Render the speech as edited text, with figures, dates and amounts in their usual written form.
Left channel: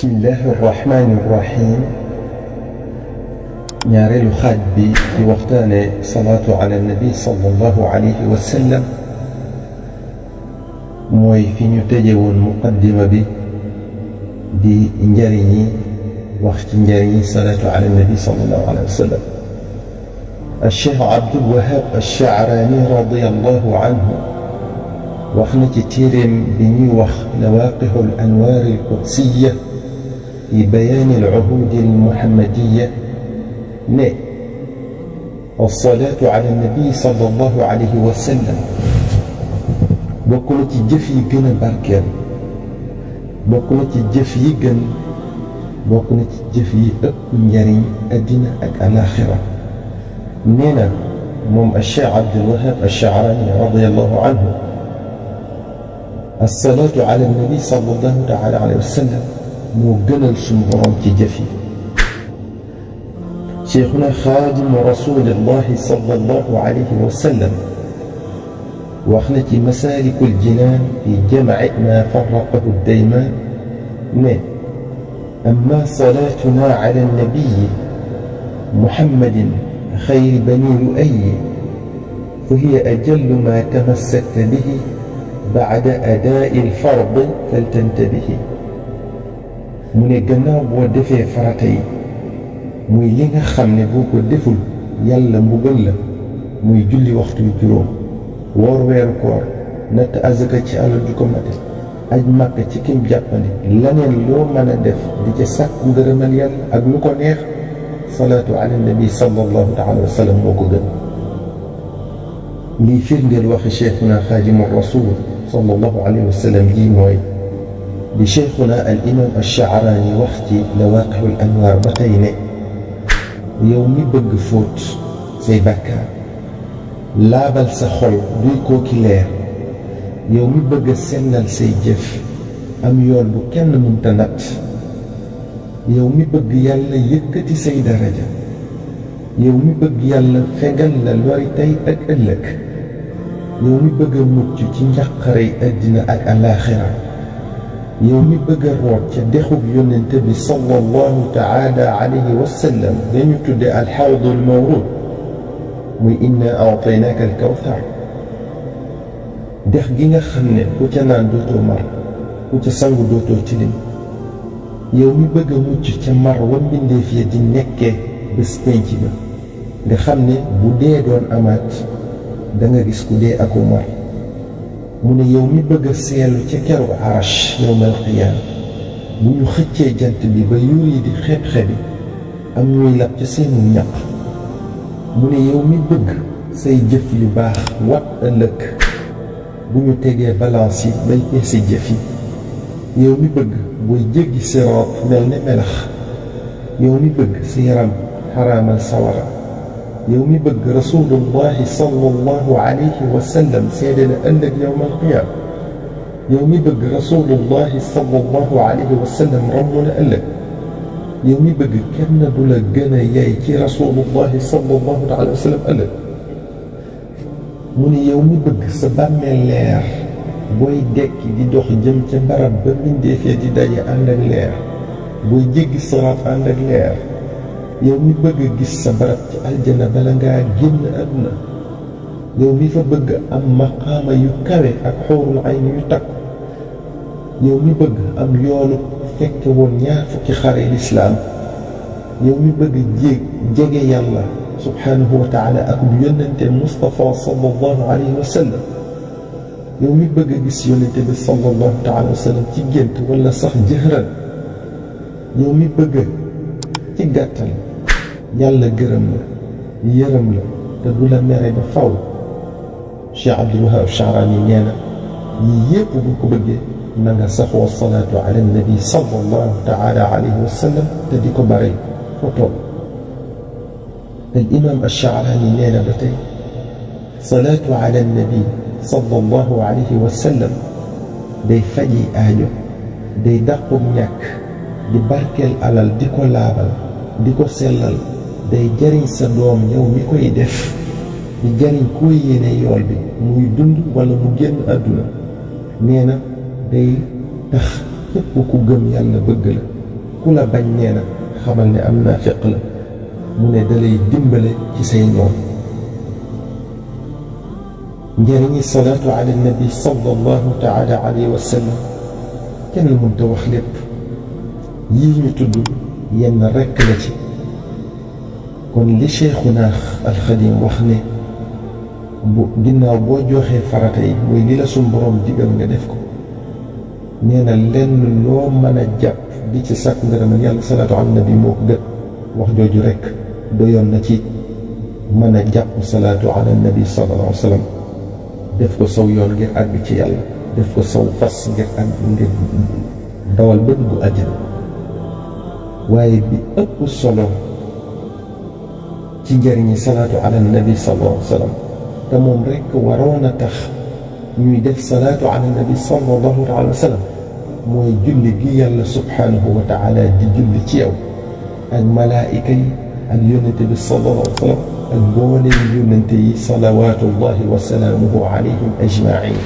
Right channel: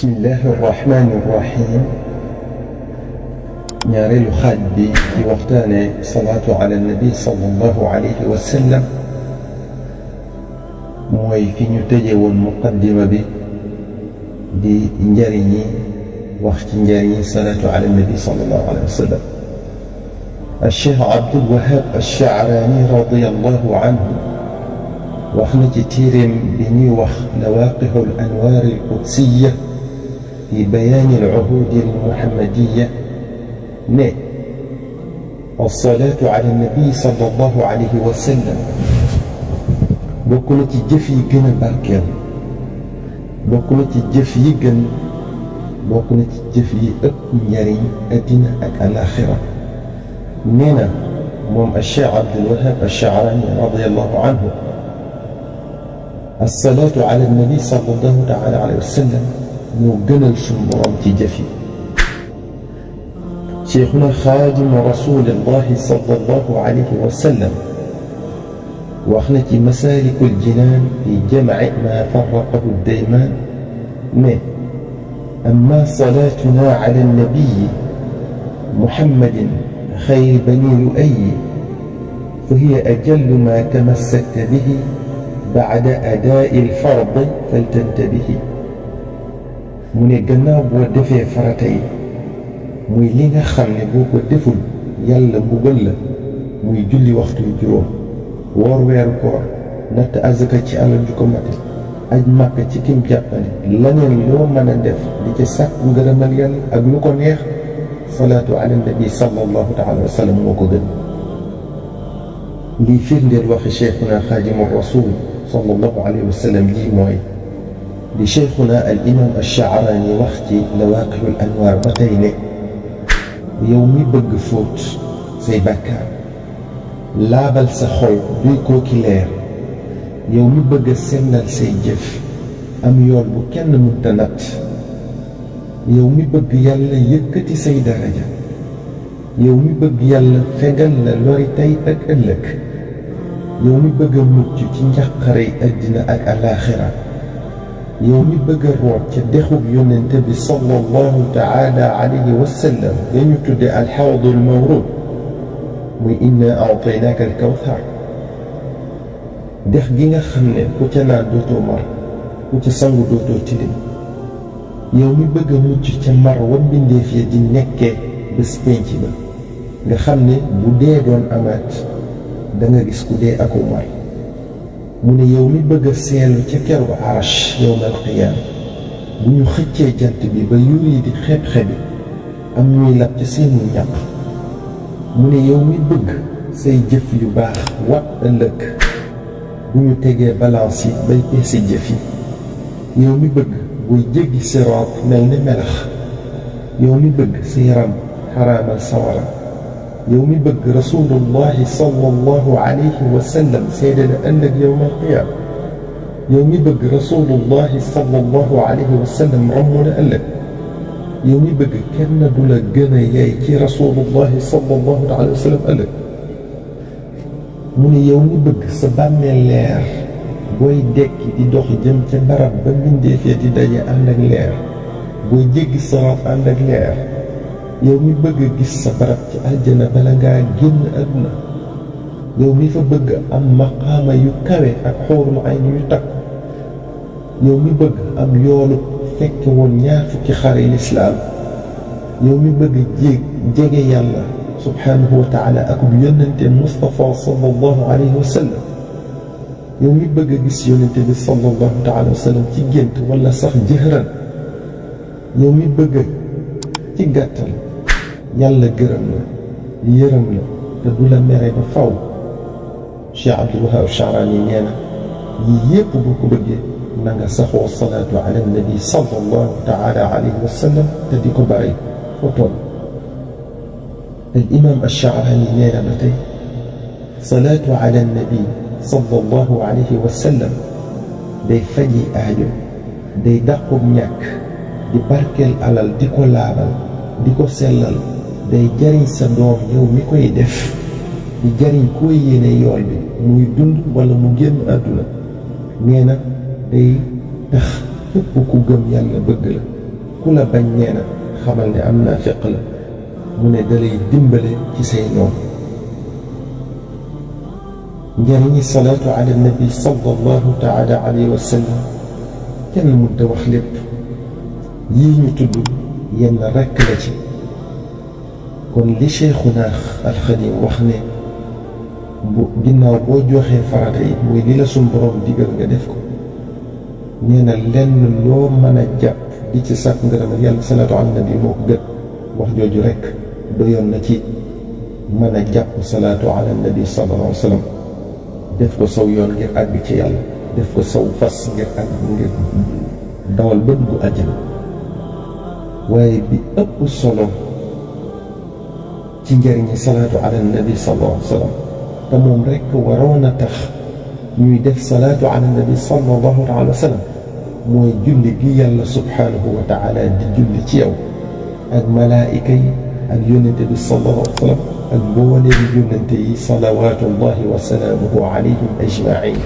bismillahi irrahmani irrahim ñaareelu xaaj bi di waxtaane salaatu ala nabi sallallahu alayhi wa sallam mooy fi ñu tëje woon muqaddima bi di njariñi wax ci njariñi salaatu ala nabi sallallahu alayhi wa sallam الشيخ عبد الوهاب الشعراني رضي الله عنه wax na ci téeréem bi ñuy wax lawaqixu al anwaar al qudsiya fi bayaani al uhud al muhammadiya ne alsalaatu ala nabi sallallahu alayhi wa sallam bokk na ci jëf yi gën a barkeel bokk na ci jëf yi gën bokk na ci jëf yi ëpp njariñ addina ak alaxira nee na moom alcheikh Abdulwahab alchaarani radiallahu anhu alsalaatu ala nabi sallallahu taala alayhi wa sallam moo gënal suñu borom ci jëf yi cheikhuna xaadimu rasulillahi sallallahu alayhi wa sallam wax na ci masaalikul jinaan fi jamci ma farraqahu daymaan ne amma salaatuna ala nabiyi muhammadin xayri bani lu'ayyi fa hiya ajallu ma tamassakta bihi ba'da adaa'i al-fardi faltantabihi mu ne gannaaw boo defee farata yi muy li nga xam ne boo ko deful yàlla mbugal la muy julli waxtu yu juróom woor weeru koor natt azaka ci alal ju ko mate aj makka ci kim jàppandi laneen loo mën a def di ca sàkku ngërëmal yàlla ak lu ko neex salaatu ala nabi sallallahu taala wa sallam moo ko gën lii firndeel waxi cheikhuna xaadimu rasul sallallahu alayhi wa sallam ji mooy di cheikhuna al imam alchaarani wax ci lawaqixul anwaar ba tey ne yow mi bëgg fóot say bàkkaar laabal sa xol duy kooki leer yow mi bëgg a sellal say jëf am yool bu kenn mënta natt yow mi bëgg yàlla yëkkati say daraja yow mi bëgg yàlla fegal la lori tey ak ëllëg yow mi bëgg a mucc ci njaqarey àddina ak alaaxira yow mi bëgg a root ca dexub yonente bi sallallahu taala alayhi wa sallam dañu tudde alxawdul mawrud muy inna aataynaaka alkawthar dex gi nga xam ne ku ca naan dootoo mar ku ca sangu dootoo tilim yow mi bëgg a mucc ca mar wa mbindeef ya di nekkee bés pénc ba nga xam ne bu dee doon amaat da nga gis ku dee aku mar mu ne yow mi bëgg a seelu ca keru arash yowmal qiyaam bu ñu xëccee jant bi ba yuur yi di xeb-xebi am ñuy lab ca seenu ñaq mu ne yow mi bëgg say jëf yu baax wat ëllëg bu ñu tegee balance yi bay peese jëf yi yow mi bëgg booy jéggi siraat mel ne melax yow mi bëgg sa yaram xaraamal sawara yow mi bëgg rasulullahi sallallahu alayhi wa sallam seede la ëllëg yowm alqiyaam yow mi bëgg rasulullahi sallallahu alayhi wa sallam ramm la ëllëg yow mi bëgg kenn du la gën a yey ci rasulullahi sallallahu alayhi wa sallam ëllëg mu ne yow mi bëgg sa bàmmeel leer booy dekki di dox jëm ca barab ba mbindeef ya di daje ànd ak leer booy jéggi siraat ànd ak leer yow mi bëgg gis sa barab ci aljana bala ngaa génn àdduna yow mi fa bëgg am maqaama yu kawe ak xuurul ayn yu takk yow mi bëgg am yoolu fekke woon ñaar fukki xare lislaam yow mi bëgg jege yàlla subhaanahu wa taala ak bu yónnente Mustafa sallallahu alayhi wa sallam yow mi bëgg a gis yónnente bi sallallahu taala wa sallam ci gént wala sax jëhran yow mi bëgg ci gàttal yàlla gërëm la yërëm la te du la mere ba faw Cheikh Abdulwahab Chaarani nee na yii yépp boo ko bëggee na nga saxoo salaatu ala nabi sallallahu taala alayhi wa sallam te di ko bare foo toll al imam Chaarani nee na ba tey salaatu ala nabi sallallahu alayhi wa sallam day faji aajo day dàqub ñàkk di barkeel alal di ko laabal di ko sellal day jariñ sa doom yow mi koy def di jariñ koo yéene yool bi muy dund wala mu génn àdduna nee na day tax képp ku gëm yàlla bëgg la ku la bañ nee na xamal ne am naa fiq la mu ne dalay dimbale ci say noon. njëriñi salaatu ala nabi sallallahu taala alayhi wa sallam kenn mënta wax lépp, yii ñu tudd yenn rekk la ci. kon li Cheikhuna alxadim wax ne bu ginnaaw boo joxee farata yi muy li la suñ borom digal nga def ko, nee na lenn loo mën a jàpp di ci sàkk ngërëmal yàlla salaatu ala nabi moo ko gën. wax jooju rekk doyoon na ci mën a jàpp salaatu ala nabi sallallahu alayhi wa sallam, def ko saw yoon ngir àgg ci yàlla, def ko saw fas ngir dawal ba dugg àjjana. waaye bi ëpp solo ci njëriñi salaatu ala nabi sallallahu alayhi wa sallam te moom rekk waroon a tax ñuy def salaatu ala nabi sallallahu alayhi wa sallam mooy julli gi yàlla subhaanahu wa taala di julli ci yow ak malaayika yi ak yónnente bi sallallahu alayhi wa sallam ak mbooleem yónnente yi salawaatullahi wa salaamuhu alayhim ajmain.